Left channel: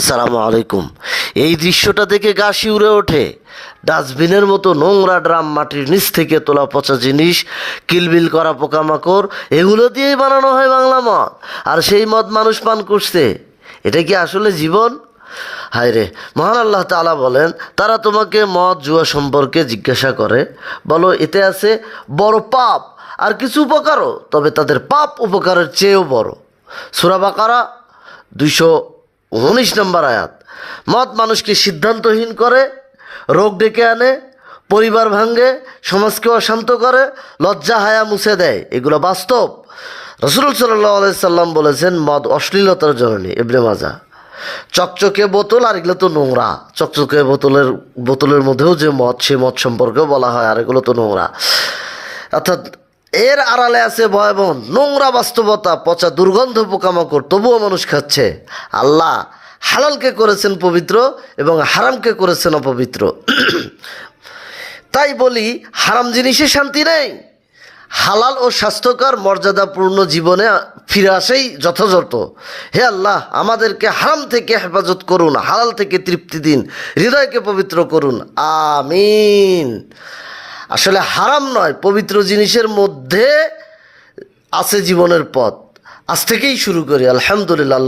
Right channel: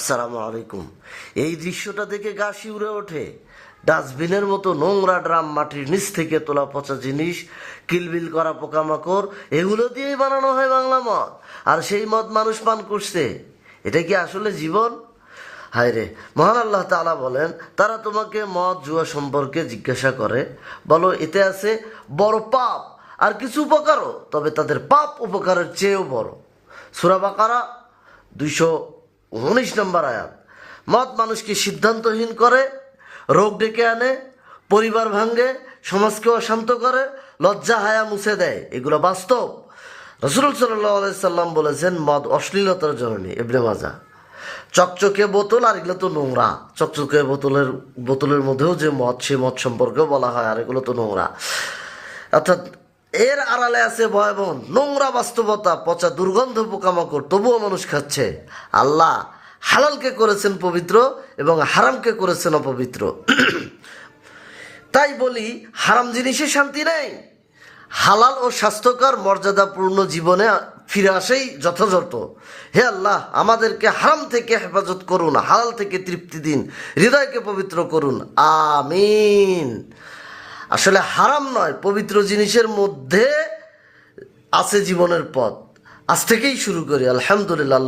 আসসালামু আলাইকুম। এই দৃশ্যটা দেখে গা শিউরে ওঠে। ডাস্টবিনের মতো নোংরা ড্রাম মাটির নিচ থেকে তোলা পচা জিনিস, কিলবিল করা পোকামাকড়, এগুলো দিয়েই বানানো হয় বাংলা মদ। আর সেই মদ মানুষ পান করছে। এটা কি আসলে জীবন? হায় রে, মহান আল্লাহ তালা বলেন, তারা তোমাকে মদ, জুয়া সম্পর্কে জিজ্ঞাসা করে। বলো, এতে আছে বড় পাপ আর কিছু উপকারও, তবে তাদের পাপ উপকারের চেয়েও বড়। সুরাবাকারা দুইশো উনিশ নম্বর আয়াত। মদ মানুষকে সিদ্ধান্তহীন করে, রোগ ডেকে আনে, পরিবার ভাঙ্গে সমাজকে অশান্ত করে, লজ্জা, হায়া মুছে দেয়। এগুলো বাস্তব। রসুল সাল্লাহ সাল্লাম বলেছেন, মদ অশ্লীলতার জননী এবনে মাজা। চকচকে বোতল আর এগুলো তো নোংরা। চকচকে বোতলের বোতলের মধ্যেও যে মদ সেই মদ সম্পর্কেও বলা হয়, আর এগুলো তো নোংরা। অর্থাৎ এর আড়ালে আছে ভয়াবহ নোংরা বাস্তবতা, পচা দুর্গন্ধ পোকামাকড়, তবুও মানুষ খাচ্ছে। আল্লাহ হালালকে করেছেন পবিত্র এবং হারামকে করেছেন অপবিত্র। তাই বলি, হারাম জিনিসে শান্তি নেই। হালাল ও স্বাস্থ্যকর মর্যাদাপূর্ণ জীবনে ফিরে আসেই যথাযথ। হে আল্লাহ, আমাদেরকে হারাম থেকে হেফাজত করুন, হালাল থেকে তৃপ্তি দিন, হৃদয়কে পবিত্র করুন। আমিন। আসলে হারাম নয় পবিত্র জিনিসের মধ্যে আছে জীবনের পথ। আজ থেকেই শুরু করি আলহামদুলিল্লাহ